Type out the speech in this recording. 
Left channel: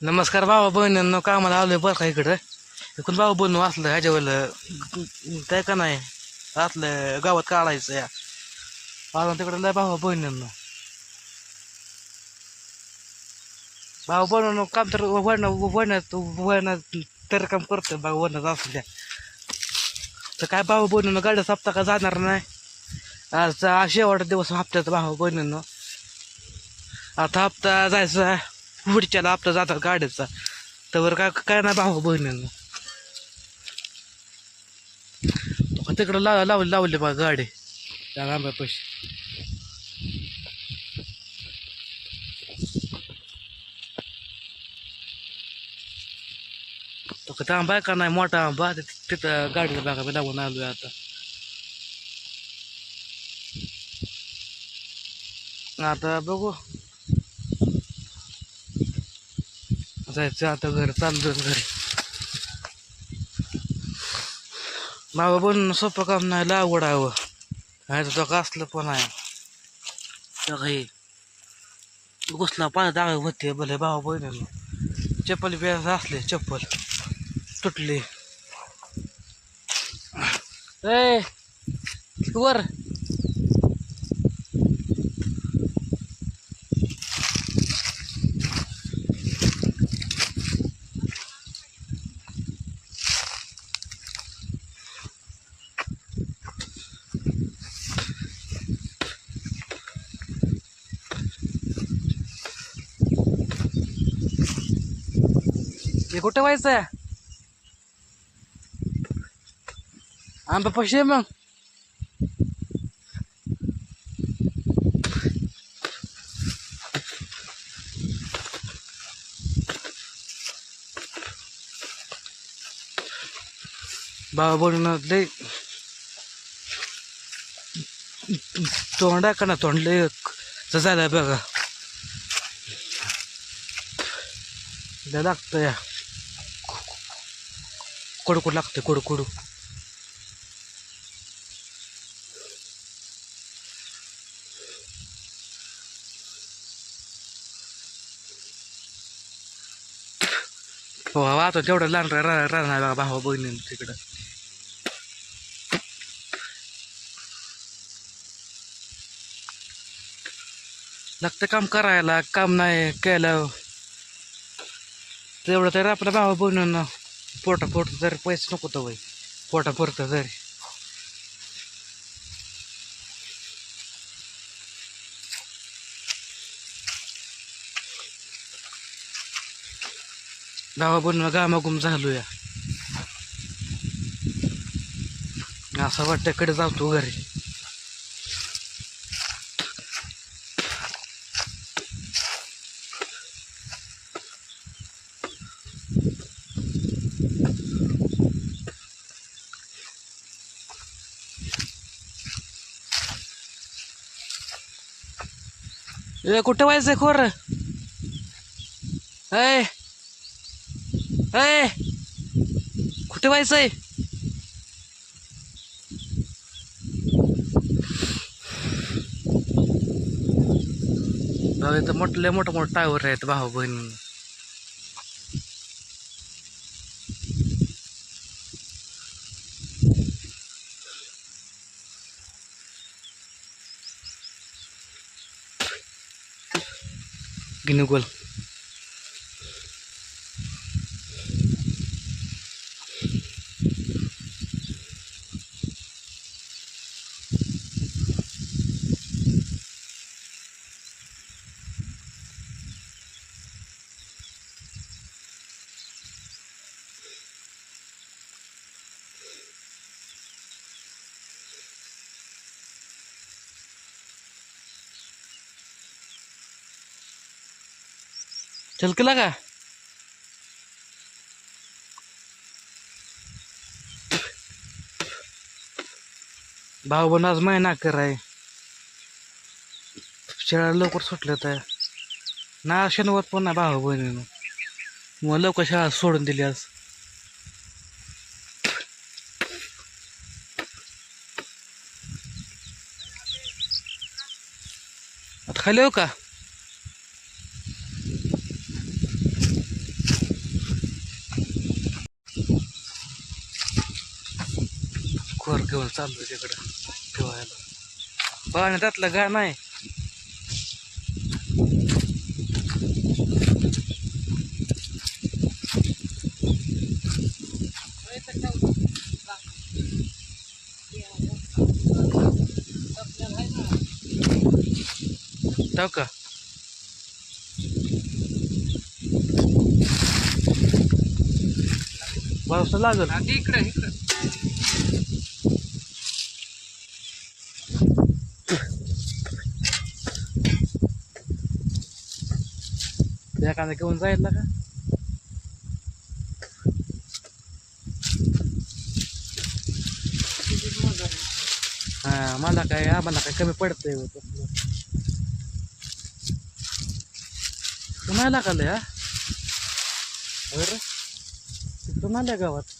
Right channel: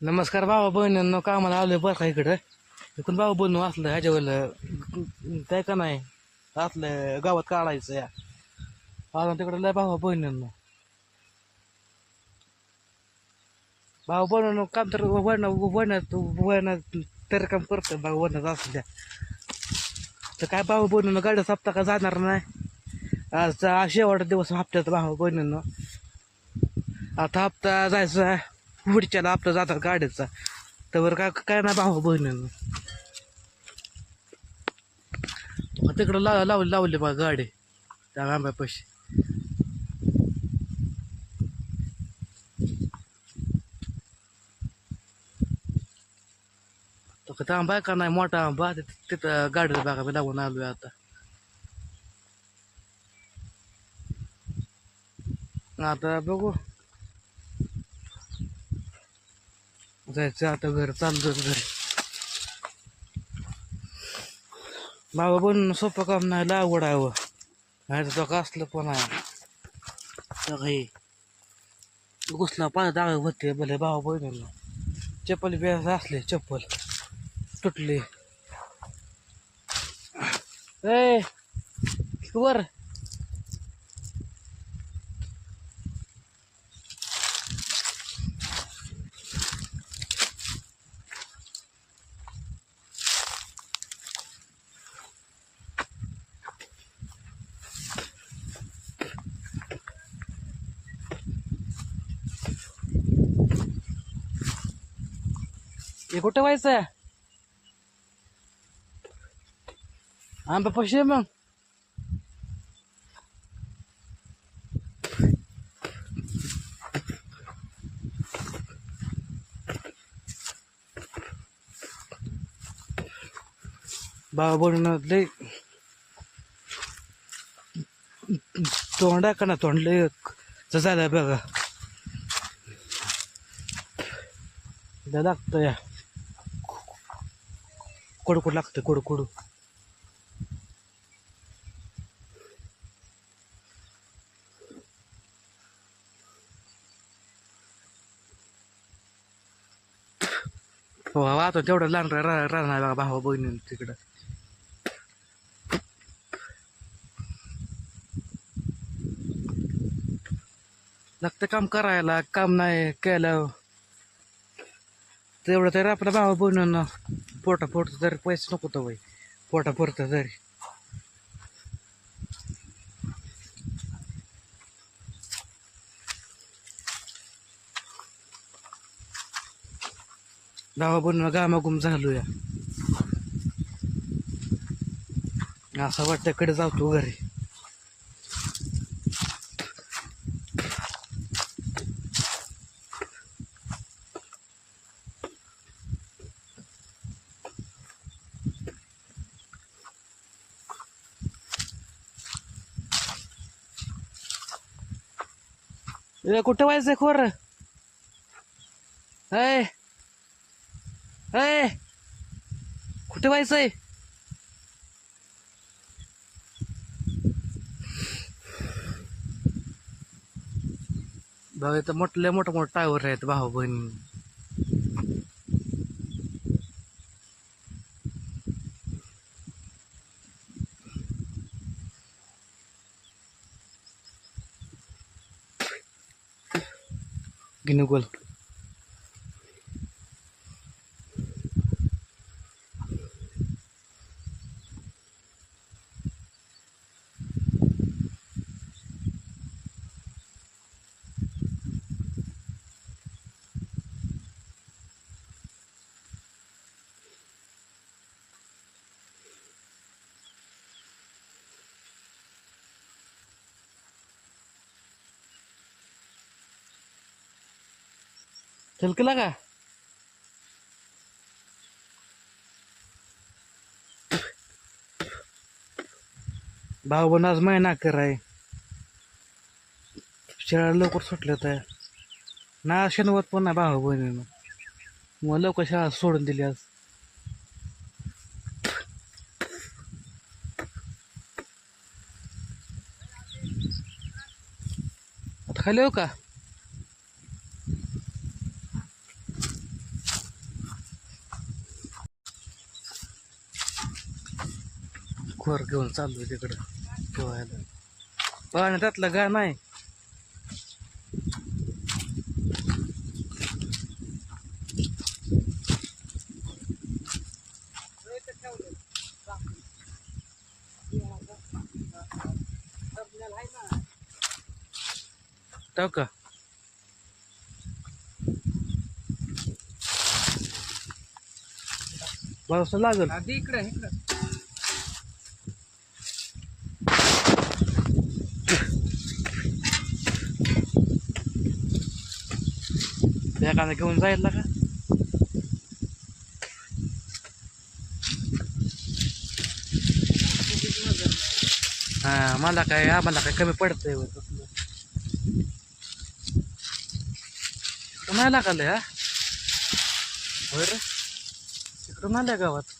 नमस्कार बाबा बहिणींना कामाला आलोय बरं का इकडं? इकडून बाबा बोलणं असलं ह्याच्यावर काय का नाही? असलं गावात काढायचं या. अजून तिकडे लय बाबा बहिणींनो भाऊ बनवून काम तर वडणं वडण्यात वडण्यात तर काम करतं बाबा वडण्यात असल्या. तर काय भाऊ बनवून गाड्या हप्ता का जाणार नाही? आज शेवटचा दिवस हप्त्याचा भाऊ बहिणींना आता हप्ता जायचा पुढच्याला आपला जातात गाड्याचा. तर काय काय नाही भावा बहिणींनो. तिकडं लाव लावली लावले बा गाडी. त्या आंब्यापाशी तो का आंबा आहे का नाही? मोठा आंबा. तिथं तिथं गाडीचा बागा मी लावून आलोय आता. आता बघू. जायचं आता घर चालतो घरी. बाबा बनून सोपं काम नाही लागवड आहे व ह्याचं असलं पण आहे. तर हे घुसला पाय दाग होते भले भावा बहिणीला. चप्पल बी असले चप्पल. तुटली. ए वर. हे कुठं व्हायचं आंबा पैसे आहे मग. बाबा बोलून लय तोंडा का ना तोंड लय झालं बघा. लागतं या कडकूड लागतं कडकडू. हो आता तेवढं लहान राहणार बघा भावा बहिणी तिकडं. लागतं काम करायला काम नाही केलं. तेवढं तरी आपल्या भावा बहिणींना पोटा पोट जरी पैसे नको तर बाई पोटापुरता जरी. गावा बनवा गामागुम झालो या असं वाटतं कडे जातो घरी. Eh, ए कुठे व्हायचंय खोर? ऐ ऐ कुठे व्हायचंय तर मोठले मोठं मोठं टावर आहेत भाऊ बहीण. गिनुगोल चल केला का? भाऊ पण आज महिना कराय. शाळा लवकर सुटल्या तर ना शनिवार पण ना भाऊ बहिणीनं मग लवकर शाळा सोडून दिली आज. आता खाली हो का? खोर घेऊन चाललो तिकडं ठेवायला. पाणी त्यातलं गा नाही टाक का? पाऊस लागल. इकडे इकडे. एखादा घेऊन जायला का? हा मला काय आम्हाला काय कमी पडतंय नाही लागलं हा? होय रे. आल्या गावात.